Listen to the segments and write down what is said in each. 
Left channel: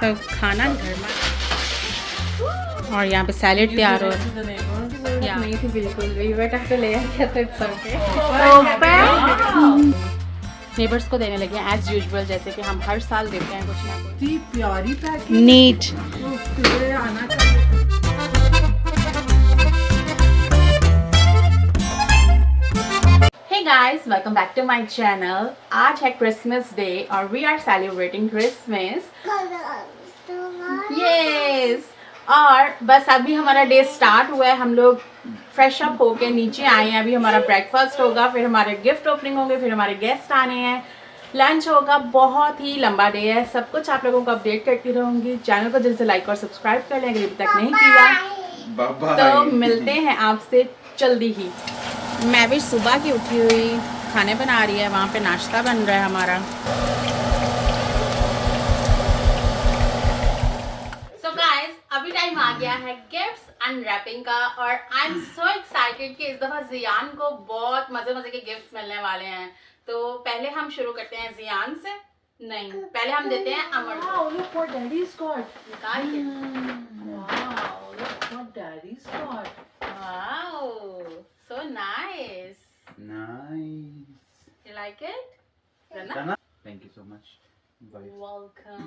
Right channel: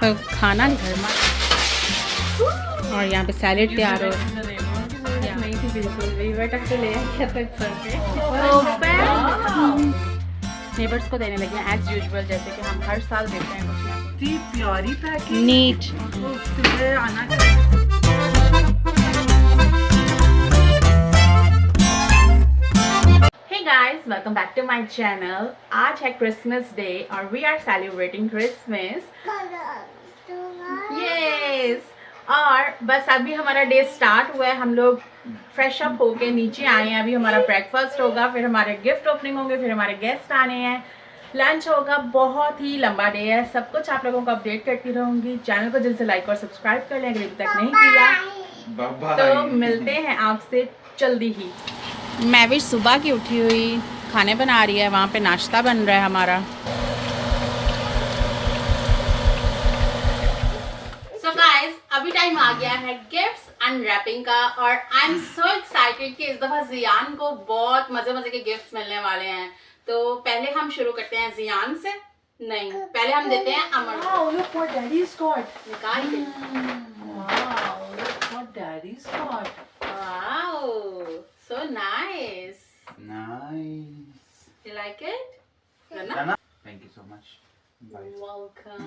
तो खाना गर्मा और यहाँ पे सैलेड तैयार हो रहा है। नहीं थी बिल्कुल भी, बट अब तो ले आया तो इट्स नेबर्स को देने लगे एज यूजुअल, जैसे कि हम हर साल देते हैं कुछ ना कुछ। प्यारी पैकिंग नीट। तुझे आना चाहिए। Hey guys, welcome back to my channel. आज है क्रिसमस डे और we are celebrating Christmas. Yes. और बस अभी हमारा डे स्टार्ट हुआ है, हम लोग फ्रेश अप होके नीचे आए हैं। अभी हमारा ब्रेकफास्ट होगा, फिर हमारे गिफ्ट ओपनिंग होंगे, फिर हमारे गेस्ट आने हैं, लंच होगा। बहुत ही लंबा डे है, सब कुछ आप लोगों को अपडेट करती रहूंगी। चैनल को जल्दी से लाइक और सब्सक्राइब कर लें अगर अभी तक नहीं किया। तो मिलते हैं आपसे जल्दी ही। मैं भी सुबह की उठी हुई खाने बना रही है, वहाँ पे नाश्ता बन रहा है हमारा। So guys, अभी टाइम आ गया है गिफ्ट्स अनरैपिंग का और आई एम सो एक्साइटेड कि इस दफा जियान को बहुत मजे मजे के गिफ्ट्स मिलने वाले हैं। तो पहले हम शुरू करते हैं जियान से। नहीं, पहले हम देते हैं अमर। Wow, look what daddy's got. निकाल के। Wow, look what daddy's got. Wow, so nice. Nice. You like it? Rana? Thank you so much. Bye. Welcome.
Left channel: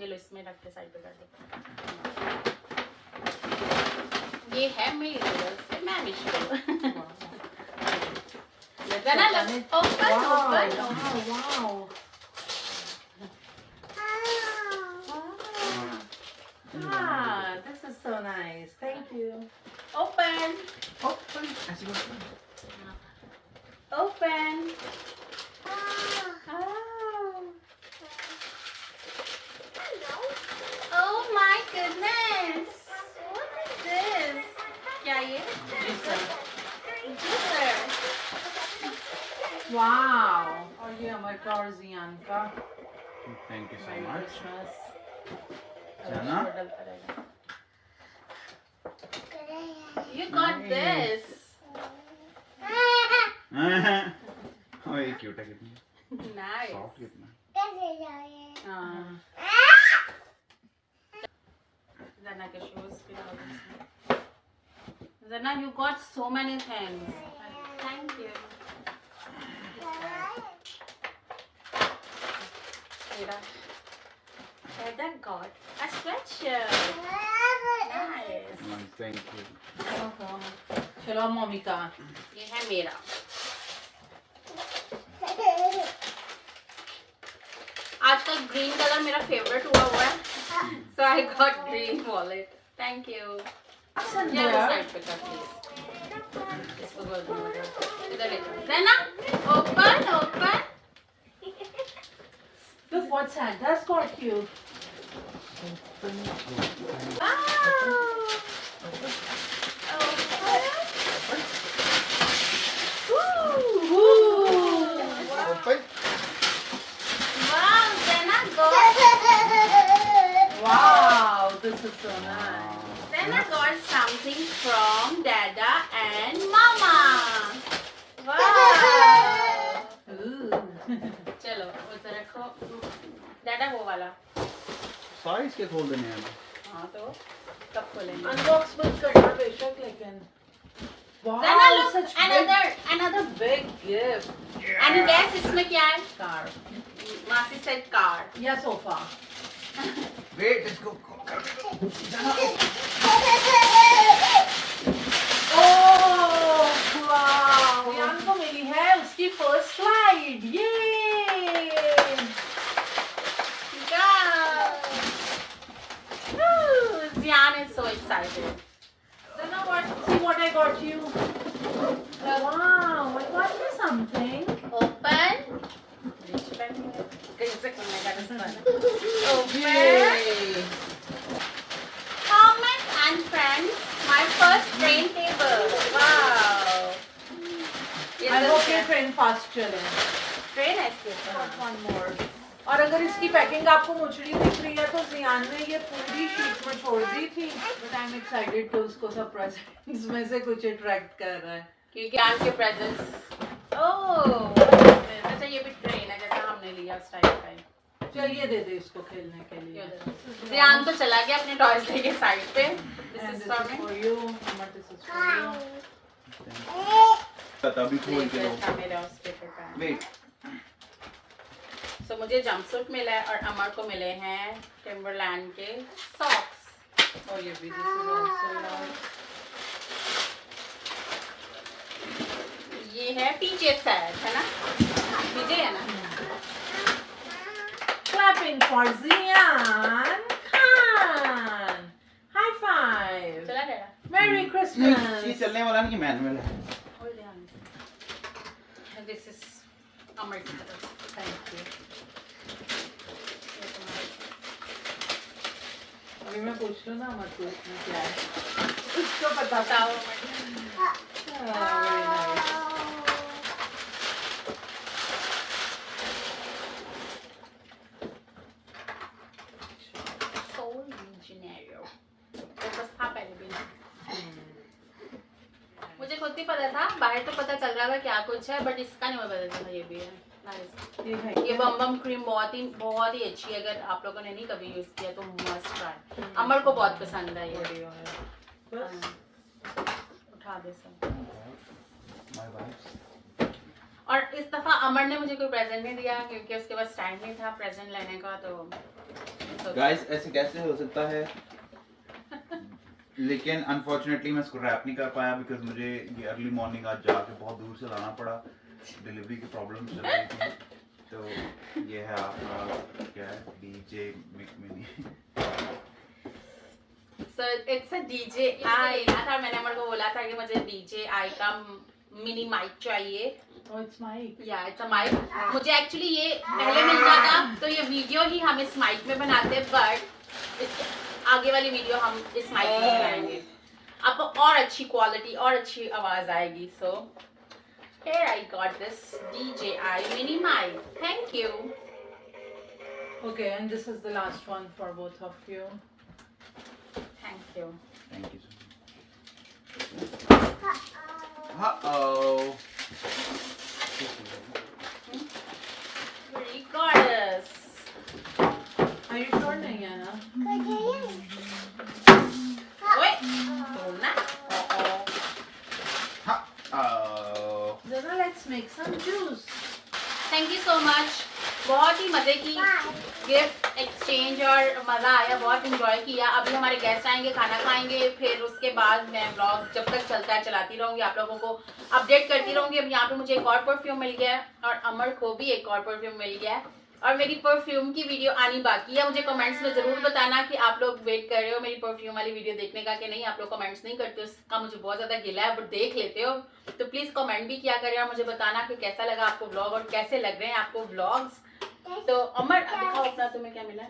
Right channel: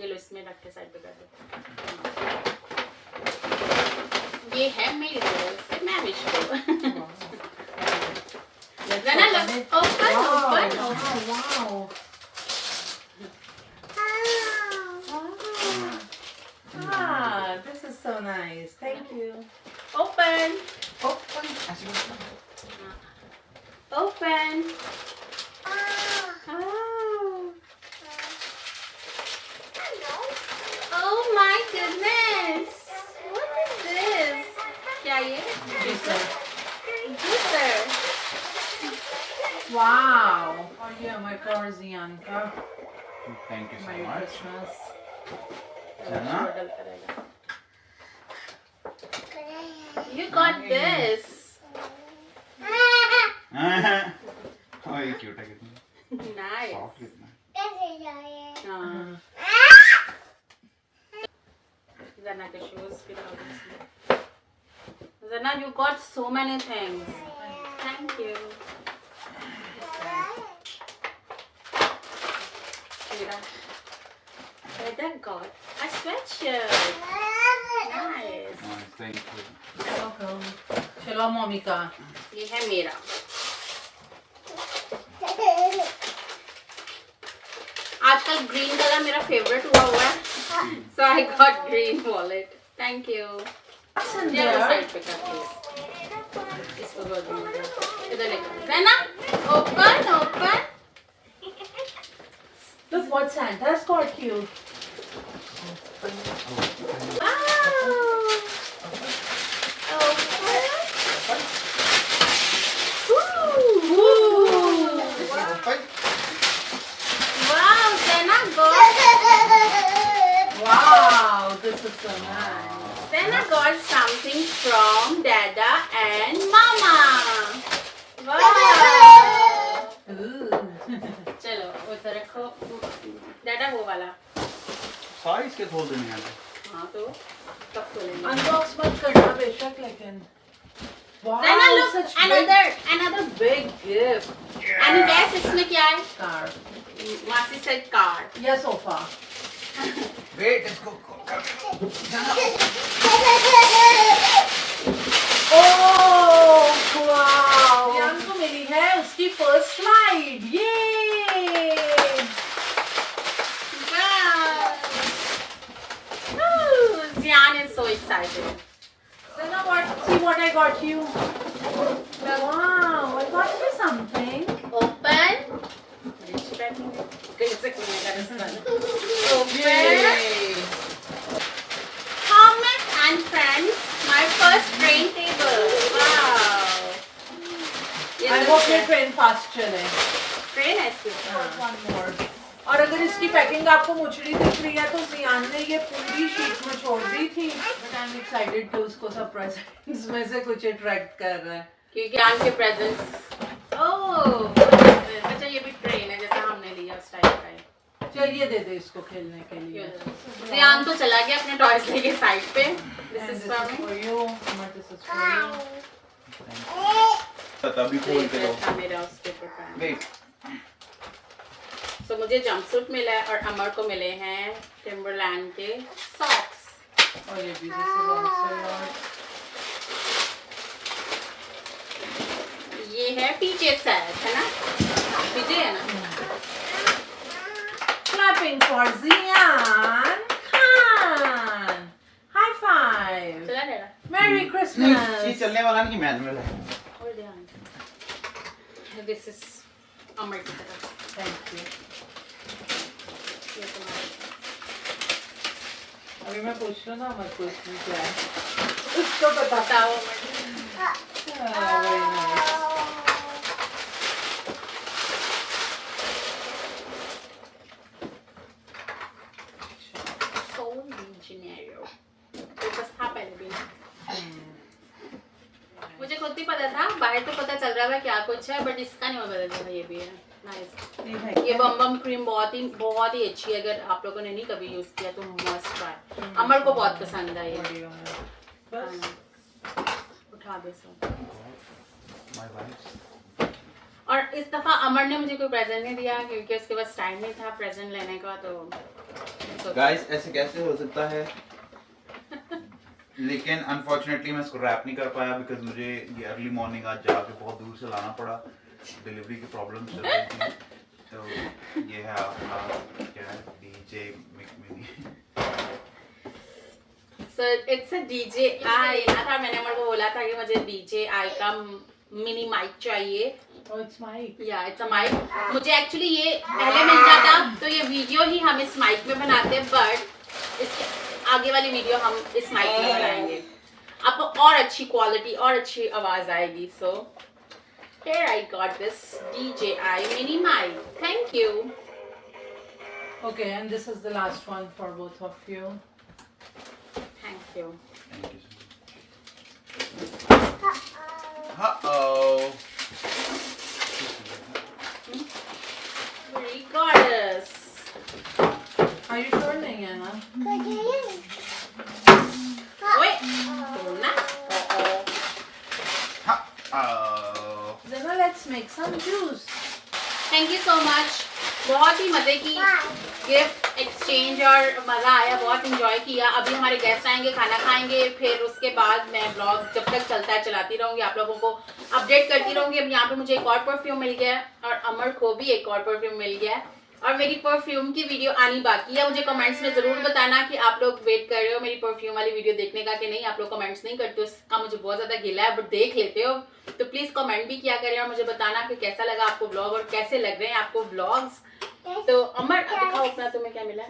ये लो, इसमें रख के साइड पे कर दे। ये है मेरी तरफ से मैं विश को। जना लो, open open open. Wow. Ah, this is so nice. Thank you. Open Oh, open. Oh my goodness! What is this? क्या ये? Juicer. Wow. और ये हमारे और जियान का thank you so Merry much. Christmas. Jana? डलता रहेगा। You got this. Oh, ये cute है कितना. Nice. Soft कितना. हाँ। Zana के shoes भी डाल दो इसमें। Zana, you got so many things. Thank you. Mira. Heather got a sweatshirt. Nice. Nice, thank you. चलो मम्मी का। ये है मेरा। आजकल ग्रीन कलर मेरा फेवरेट हुआ है, so I got green wallet. Thank you. ये साइड पे कर प्लीज। इसको कर दो इधर लेकर। ज़ैना, open open. Look what Santa's got you. Wow, Zenna got Wow, this is so nice. Zenna got something from Dada and Mama. Wow. Ooh. चलो उधर रखो। Dada वो वाला। सारे इसके खोल देने हैं. हाँ तो कब खोलेंगे? Unbox मत करना बेशक लेकिन. Wow, Zenna, look, such another big gift. and guess इसमें क्या है? Car. मासी said car. या सोफा. Wait, इसको कर दो. Oh, wow. यान को मिली है उसकी फर्स्ट स्लाइड. ये. Zian is so excited. Zenna, see what I got you. Wow, I got you something. Open. कैसे खुलने का रास्ता है? Open. Yay. Thomas and friends, my first train table. Wow. I hope your train fast चले. Train है इसके ऊपर। One more. और अगर इसकी पैकिंग आपको मुचड़ी दिख रही है तो जियान ने ये पूरी शीट में छोड़ दी थी, बट आई एम एक्साइटेड कि उसको सब प्रेजेंट्स में से कुछ अट्रैक्ट कर रहा है क्योंकि ज्ञान के प्रेजेंट्स। ओह अच्छा, ये भी ट्रेन है जैसा हमने लिया उस टाइप का ही। चलिए दे दे इसको खेलने के लिए. ध्यान तो चला गया अपने टॉयज लेके साइड पे. This And is this for is me. for you. Amar, this is for you. तभी खोल के दो. मेरा उस पेपर का. वेट. सो मुझे जंपसूट मिला है और अमर को मिले हैं टिम्बरलैंड के सॉक्स. Oh, ये भी. This is also yours. ये है पीछे सेट है ना. पीछे है ना. Clapping for Zian Khan. High five. चला डेरा. Merry नहीं, ये Christmas. चलने वाला नहीं, मैनुअल है. होल्ड ध्यान. दिस इज अमर की तरफ. Thank you. ये तुम्हारा. अभी मैं पूछ लूँ ना मत पूछ नहीं क्या है. उसको पता. बताओ अमर. Very nice. सोल डिजेनेरो. तो बस था पहले भी. मुझे खुद ही पता था. बाहर तो पता चल रहा था क्या कुछ है बट इसका नहीं मुझे पता था ये भी है. नाइस. ये बम बम क्रीम बहुत ही अच्छी है. अगर आप लोगों ने नहीं कभी यूज किया तो मस्ट ट्राई. अमर को बहुत पसंद है ये. बस. उठा दे सब. My wife. और इस दफा अमर ने मुझे कोई प्रेजेंट नहीं दिया क्योंकि उसके पास टाइम नहीं था प्रेजेंट लेने का. तो गाइस ऐसे कैसे हो सकता है? लेकिन अनफॉर्चुनेटली मैं इसको रैप नहीं कर पाया बिकॉज मुझे ये अर्ली मॉर्निंग आज जाके बहुत दूर से लाना पड़ा. डिलीवरी की प्रॉब्लम चल रही थी. तो ये है आपका क्या है DJ mini. So it's a DJI. ना था मैंने अमर को बोला था कि मुझे DJI का मिनी माइक चाहिए. Oh, it's mic. या इट्स अ माइक. मुझे एक्चुअली ये पहले मिल जाता तो ये वीडियो ही हम इस माइक में बनाते बट इसके आगे वाली वीडियो हम इस माइक में बनाएंगे. आपको और अच्छी क्वालिटी और अच्छी आवाज आएगी. सो here I got this DJI mini mic. Thank you. Okay, and this is the last one for both of you. Thank you. Thank you. Uh-oh. Very gorgeous. Are you sure नहीं है ना? Wait. तोड़ना. Uh-oh. Zana, let's make some juice. Thank you so much. बहुत ही मजे की gift exchange और मजा आया. बहुत इंजॉय किया. अभी हमारे गेस्ट आएंगे खाना खाएंगे फिर उसके बाद मैं ब्लॉग जब तक चलता है चलाती रहूंगी. आप लोगों को अपडेट करती रहूंगी. अब यहाँ पे मुझे एक और परफ्यूम मिल गया है और अमर को भी एक और परफ्यूम मिल गया है और मेरी परफ्यूम की वीडियो आनी बाकी है. मुझे कमेंट्स में जरूर बताना कि आप लोग वेट कर रहे हो मेरी परफ्यूम वाली वीडियो देखने का कि नहीं. आप लोग कमेंट्स नहीं करते हो उसका मुझे बहुत ज्यादा गिला है बट देख लेते हो तो प्लीज कमेंट भी किया करें और मुझे बताना कि कैसा लगा आपको ब्लॉग और कैसे लग रहे हैं आपको ब्लॉग्स. तो अमर दिखाओ अपना तुम्हें क्या मिला.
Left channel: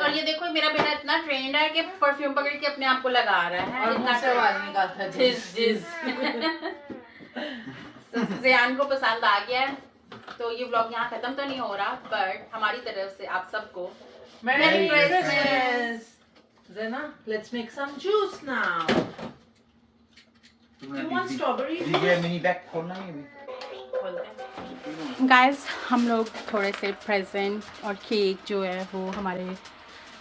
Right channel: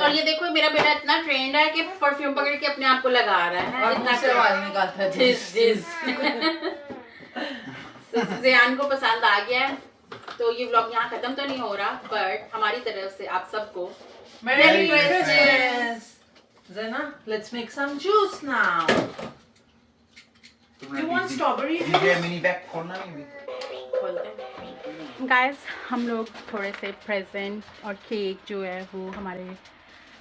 और ये देखो मेरा बेटा इतना ट्रेंड है कि परफ्यूम पकड़ के अपने आप को लगा रहा है. और इतना मुंह से आवाज निकालता है. जिस ज़ियान को पसंद आ गया है. तो ये व्लॉग यहाँ खत्म तो नहीं हो रहा बट हमारी तरफ से आप सबको Merry Christmas. Christmas. Zana, let's make some juice now. Do you want strawberry juice? DJ mini bag खोलना नहीं. गाइस हम लोग थोड़े से प्रेजेंट और केक जो है वो हमारे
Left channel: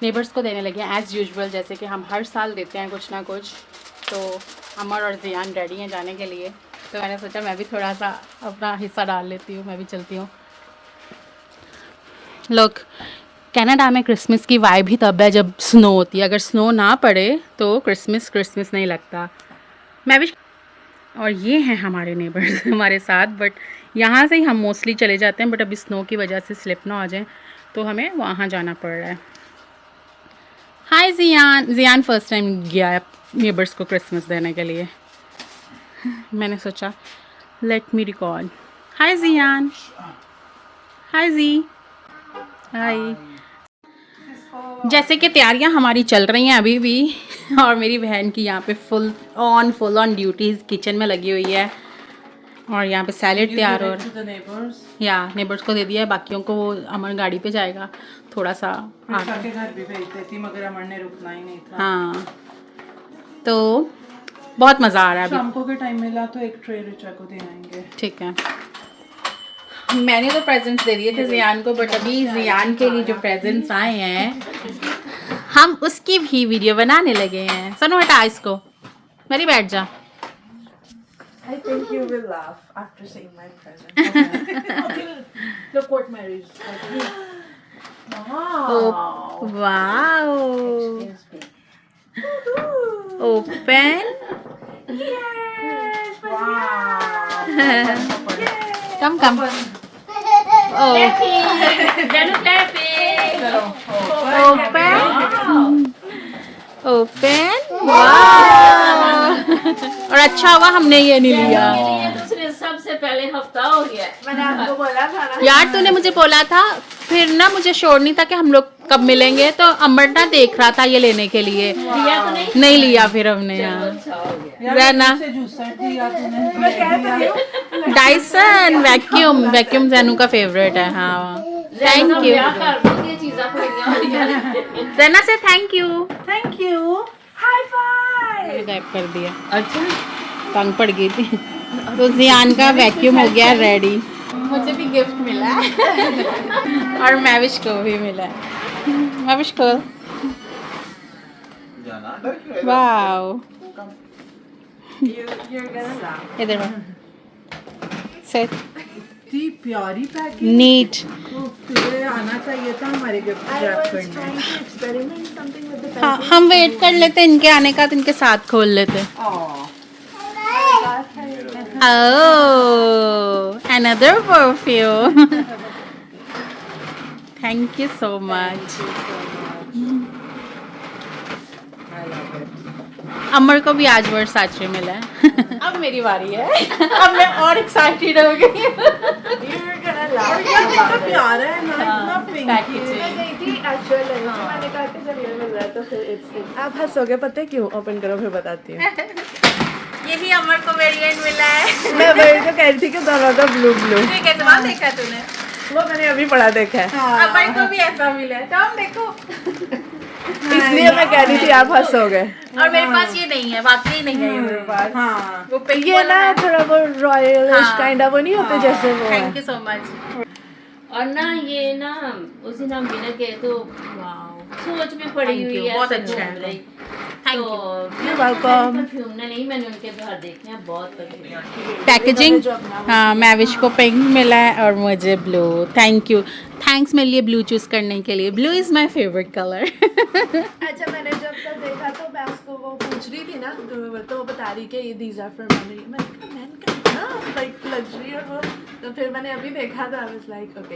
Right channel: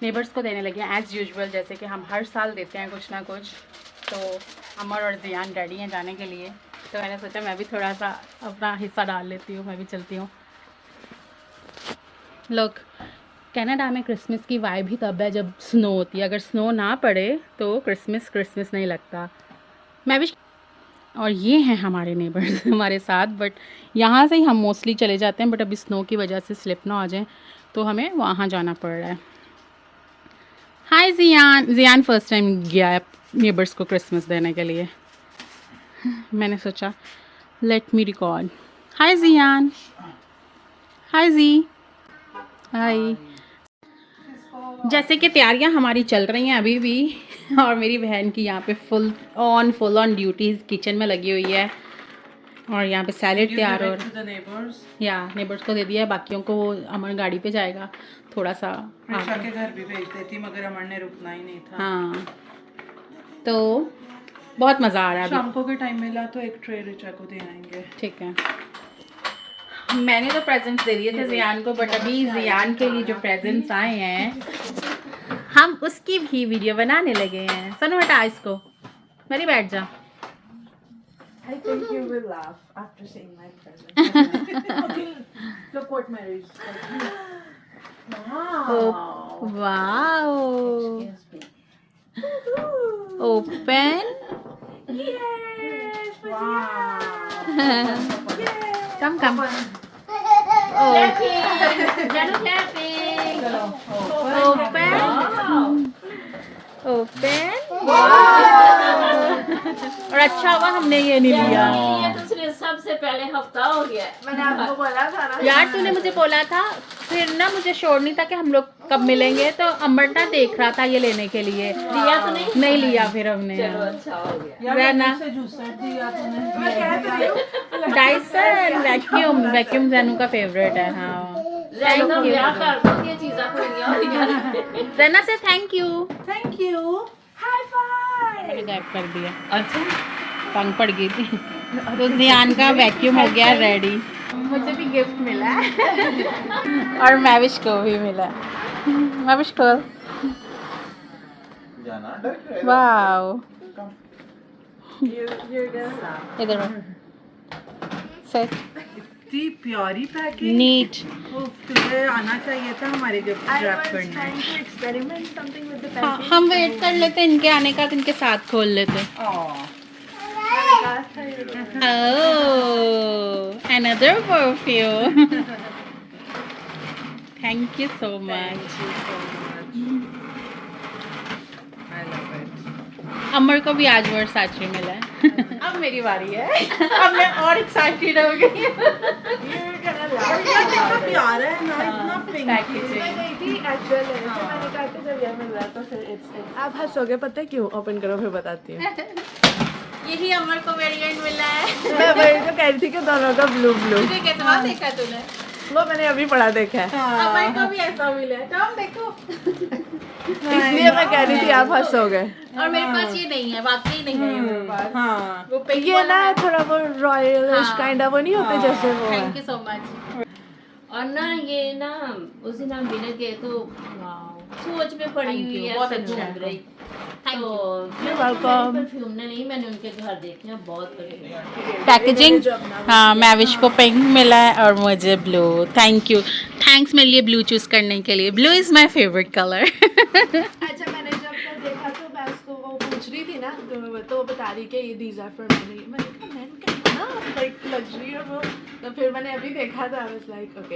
नेबर्स को देने लगे हैं एज़ यूजुअल जैसे कि हम हर साल देते हैं कुछ ना कुछ. तो अमर और ज़ियान रेडी हैं जाने के लिए तो मैंने सोचा मैं भी थोड़ा सा अपना हिस्सा डाल लेती हूँ. मैं भी चलती हूँ. लोग कनाडा में क्रिसमस की वाइब ही तब है जब स्नो होती है. अगर स्नो ना पड़े तो क्रिसमस नहीं लगता. मैं भी. और ये हैं हमारे नेबर्स हमारे साथ बट यहाँ से ही हम मोस्टली चले जाते हैं बट अभी स्नो की वजह से स्लिप ना आ जाए तो हमें वहाँ जाना पड़ रहा है. हाय ज़ियान फर्स्ट टाइम गया है नेबर्स को क्रिसमस देने के लिए. मैंने सोचा लेट मी रिकॉर्ड. हाय ज़ियान. हाय जी. हाय. जैसे कि तैयारियां हमारी चल रही हैं अभी भी और मेरी बहन की यहाँ पे फुल ऑन ड्यूटीज़ किचन में लगी हुई है और यहाँ पे सैलेड तैयार हो रहा है. या नेबर्स को दे दिया है. बाकियों को वो अमर गाड़ी पे जाएगा थोड़ा सा आगे घर भी भेज देती मगर अमर ने रुकना ही नहीं था. हाँ तो बहुत मज़ा आ रहा है. शाम को अगर टाइम मिला तो एक ट्रे रिचा को दे आएंगे. ठीक है. मैंने तो प्रेजेंट्स दे दिए थे जियान को, बट अभी जियान के लिए जो प्रेजेंट्स आए हैं हम उसकी भी वीडियो बनाने लगे हैं। सुनो हटा इसको, मेरी बैठ जा। I think you will laugh after seeing my present. Look what Mary's like. Wow. Wow, open. Yes. Wow. Come come. Open. और अच्छा हुआ हमने ये नहीं लिया। दूसरे सबसे पहले हफ्ता हो गया है। मैंने आपको बोला था ना यार तूने मुझे बोला था, फिर ना मुझे श्योर नहीं था कि हम लोग कब मिलेंगे, तो अमरना देख रहा था ये लेने के लिए। लिया तो नहीं लिया फिर हमने। चलो अच्छा हो गया। वह ना मैं कह तो रही हूँ डायसन वैक्यूम जैनू का फेवरेट है। हाँ थैंक यू क्या कर दो ये चीज़ें पूरियां हो गई। जना से thank you. Thank you high five मैंने गायब कर दिया। अच्छा तंग पड़ गई थी। तो जियान का वैक्यूम हो गया रेडी। मुझे भी गिफ्ट मिला है और मैविश को भी मिला है। मैविश को वाओ, you're gonna laugh इधर सेट इतनी प्यारी पैकिंग नीट। तुझे आना चाहिए था हमारे गिफ्ट रैप करने। हाँ हम वेट कर लेते इनके आने का, तो इनके साथ खोल लेते। Oh, another perfume. Thank you so much. I love it. अमर को भी आज वर्साचे मिला है। अब मेरी बारी है। अब मैं और एक्साइटेड हो गई। You're gonna laugh. कितना प्यारा है ना, कितना पिंकी। आप हंसोगे, पता है क्यों? ओपन करो फिर बताती हूँ। यही अमर को वेरिएंट मिला है। मैं वही तो कह रही थी कि दोनों का ब्लू ब्लू। ठीक है, तो देखा तूने? वो मैंने अभी पढ़ा देखा है, अमर को भी ऐसा मिला है, तो हम देखो। इसलिए मैं कह रही थी आप हंसोगे। और मेरे पास ये नहीं है, वाकई नहीं है ये मेरे पास। हाँ वो पिंक ये वाला ना है। थोड़ा वो रॉयलिश हाँ। काइंड ऑफ वो नहीं होते जैसे वो है। Thank you so much. और ना ये ना उस दिन हम डिनर गए तो वाओ, सोच में पड़ी Thank हुई you, है। बहुत ऐसे अच्छा है। ढूंढ रही। थैंक तो यू। You're welcome. परफ्यूम ने नहीं, मैंने उनके घर देखे हैं, बहुत परफ्यूम। पैकेजिंग। हाँ मैविश को पिंक मिला है और मुझे ब्लू। थैंक यू, थैंक्स मेरे लिए ब्लू चूज करने के लिए। Blue is my favourite colour. अच्छा मैंने जब तक देखा तो मैं उसको वो पूछ रही थी ना, तो वो बता रही कि ये दीज आर फॉर मनी। मैंने कहा मैन का ना लाइक लग्जरी और वो, तो फिर मैंने अभी देखा था, आई वाज लाइक ओके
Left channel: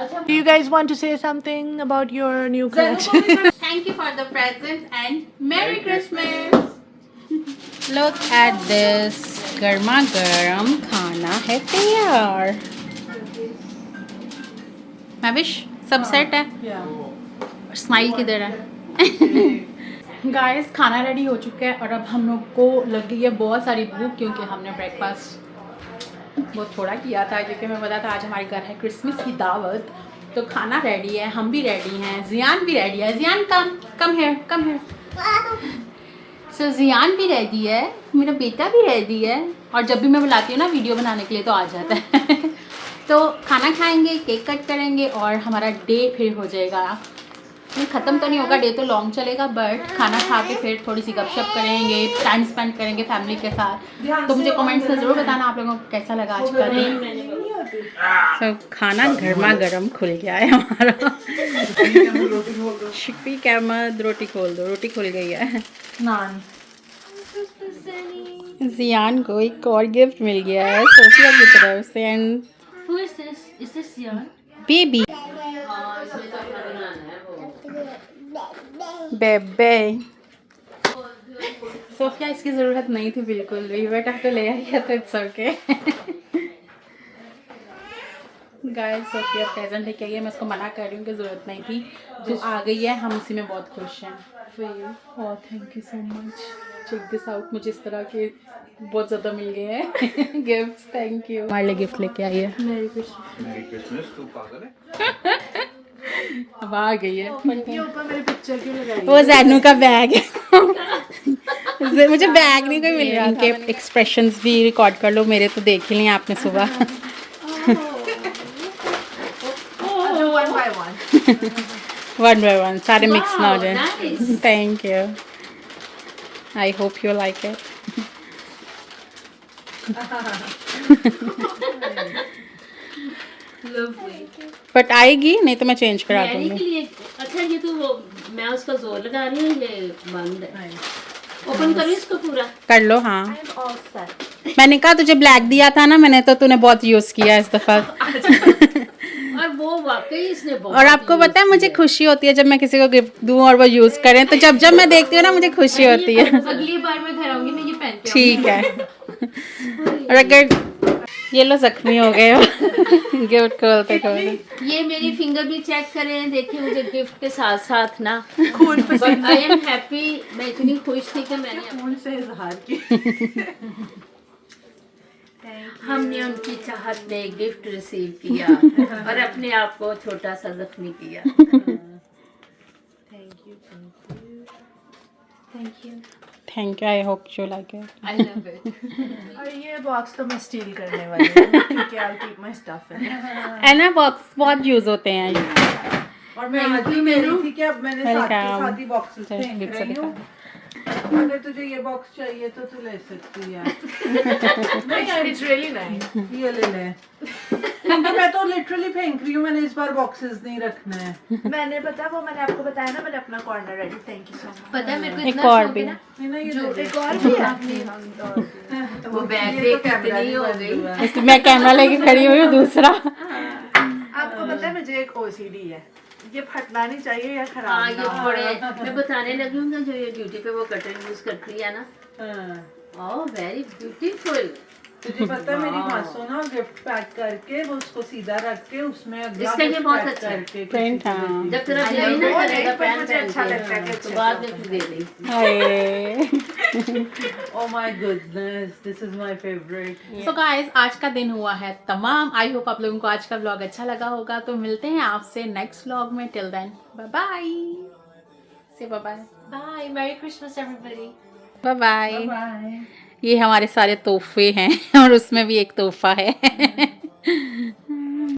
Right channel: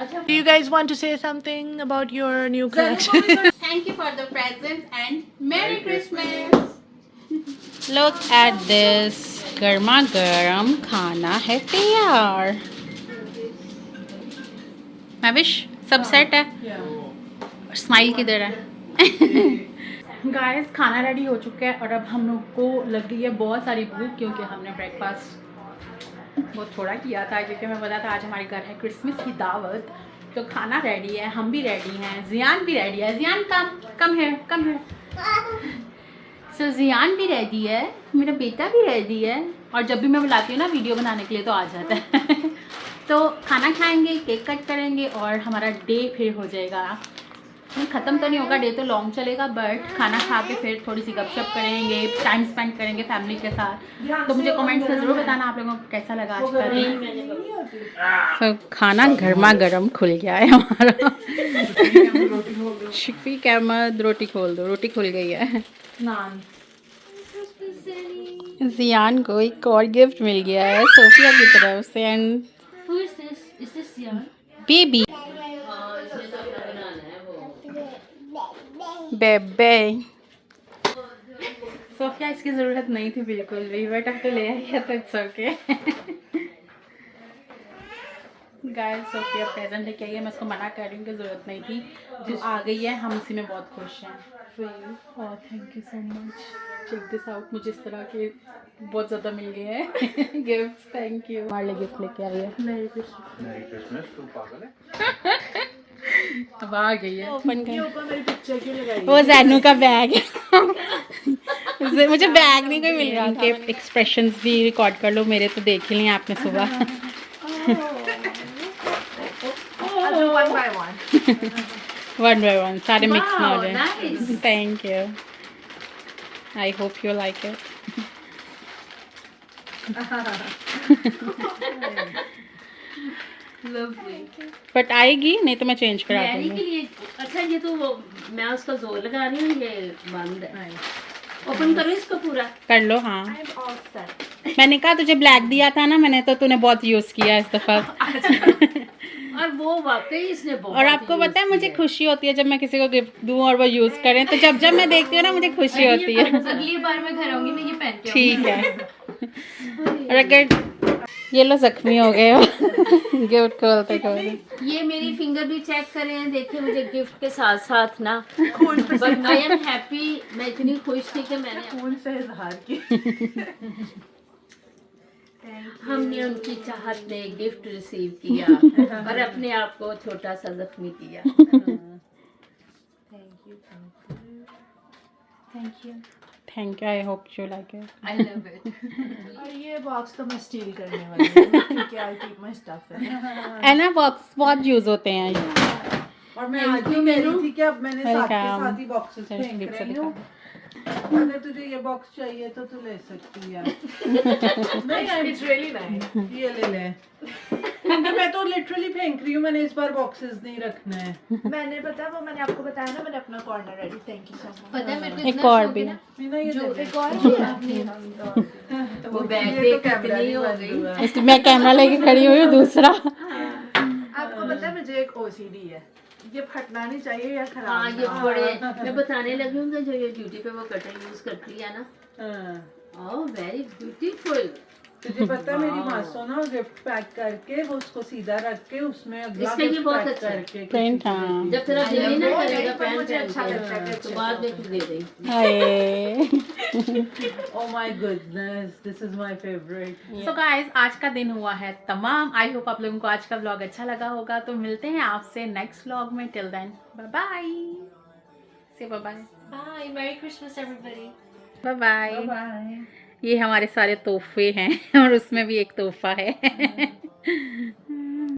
अच्छा Do you guys want to say something about your new collection? Thank you for the presents and Merry Christmas. Look at this, गर्मा गर्म खाना है तैयार। मैविश सब सेट है? स्माइल किधर है? गाइस खाना रेडी हो चुका है और अब हम लोग को लग गई है बहुत सारी भूख, क्योंकि हमने ब्रेकफास्ट बहुत थोड़ा किया था, क्योंकि मैं पता था आज हमारे घर है क्रिसमस की दावत। तो खाना रेडी है, हम भी रेडी हैं, जियान भी रेडी है। जियान कम है। सो जियान भी रेडी है, मेरा बेटा भी रेडी है, और जब भी मैं बुलाती हूँ ना वीडियो बनाने के लिए तो आ जाता है। तो खाना खाएंगे, केक कट करेंगे और हमारा डे फिर हो जाएगा। नहीं ख़त्म तो नहीं होगा, डे तो लॉन्ग चलेगा, बट खाना खा के फिर थोड़ी सी गपशप करेंगे, टाइम स्पेंड करेंगे फैमिली के साथ। तो मुझे कमेंट्स में ज़रूर बताना आप लोगों को कैसा लगा आज का दिन। तो खाना गर्मा गर्म खुल गया है हमारा। शफीक अहमद रोटी खोल दो, रोटी खुल गई है। नान जियान को एक और गिफ्ट मिल गया है सोफिया की तरफ से, and Who is this? Is this Jan? Baby हाँ, इसमें तो अपना बनाना है वो। बेबे। सोफिया इसकी ज़रूरत नहीं थी बिल्कुल भी, बेटा तो ले आई है तो it's okay. Guys Sophia present लेके आई है, मैं उसको मना कर रही हूँ कि ज़रूरत नहीं थी, तो आ गई है, हम उसी में बहुत खुश हैं। और thank you so much, check this out. मुझे इस तरह के बहुत ज़्यादा मिल गए हैं गिफ्ट्स, थैंक यू। हमारे लिए गिफ्ट लेके आई है। मेरी क्रिसमस तू पागल है। अब आ गई है। ऊपर मेरी पिक्चर क्यों लगाई? वो जैनू का बैग है। मुझे बैग नहीं कोई मिल रहा था। एक्सप्रेशंस भी रिकॉर्ड कर लो मेरे, तो देख ही लिए आपने सुबह। अच्छा, one by one. 1 by 1 सारे मिक्स ना हो Wow, जाए. nice. Thank you. I hope you like it. Lovely. But आएगी नहीं तो मैं चेंज करा मैरी दूंगी. के लिए अच्छा ये तो वो मैं उसका जोर लगा रही हूँ ये बंद है. ओपन करो इसको पूरा. कर लो. हाँ, I'm all set. मैंने कहा तुझे ब्लैक दिया था ना मैंने, तो तूने बहुत यूज किया इस दफा. और वो वाकई इसने बहुत और आपको use पता है मुझे किया खुशी होती है जब मैं किसी को गिफ्ट दूं और वो यूज करें, तो जब जब मैं देखती हूँ ना मुझे खुशी होती है. अगली बार मैं घर आऊंगी मैं ये पहन के ठीक है. और अगर ये लो जख्मी हो गए हो गिफ्ट खोलते खोलते. ये मेरी फिंगर भी चेक करें, देखिए मुझे गिफ्ट के साथ साथ ना बट आई एम हैप्पी. मैं इतनी खुश थी कि मैंने फोन से इजहार की. हमने उनकी चाहत में गिफ्ट रिसीव किया और अपने आप को छोटा सा जख्मी किया. Thank you. I hope you like it. I love it. और ये बॉक्स तो मैं स्टील करने वाली हूँ क्योंकि I'll keep my stuff in. है ना, बॉक्स बहुत यूज होते हैं. और मैं आज ही कह रही थी कि अब मैंने साथ के Welcome. साथ ही बॉक्सेस Thank फेंक you, रही हूँ. अगर तुझे ये बॉक्स चाहिए तो तू ले सकती है. It's really nice. ये ले ले. क्योंकि मैं तो लिटरली फेंक रही हूँ, मैंने इस बार बॉक्सेस नहीं रखना है. मैंने पता वो मैंने आपको बताया ना मैंने अपना corner ready. Thank you so much. पता है मेरे को एक इतना और शौक भी. है ना, नहीं ना, ये ले ले. एक और भी आपने वो बैग ये देख तो कैमरा कितनी भी हो बंद गई. हुआ है. इसलिए मैं कैमरा लेके खड़ी हुई हूँ दूसरा. आपको पता है मुझे एक OCD है. ये फटना नहीं चाहिए या खराब हाँ ना ये हो. बड़े मैं बताने लगी हूँ कि जो ये ड्यूटी पे वो कटर यूज करती है ना. हाँ. Oh very beautiful. तुझे पता है मेरी Wow. मासू ना गिफ्ट पैक करके वो उसको सीधा रख के उसमें अगला इसका ये gift बहुत pack अच्छा है. करके कुछ Print, चीज़ें हाँ. देती जब तेरा है. दिल ही ना वो करेगा एक पहन मुझे अच्छा लगता है कि तो बाद में फिर दे दें. हाय. Oh my goodness, this is my favorite. So guys आज का दिन हुआ है तमाम. आई होप आप लोगों को आज का व्लॉग अच्छा लगा होगा. तो मिलते हैं आपसे नेक्स्ट व्लॉग में. Till then bye bye. Say bye bye. Bye. Merry Christmas everybody. Bye bye. Bye. ये हमारे सारे तोहफे हैं और उसमें भी एक तोहफा है.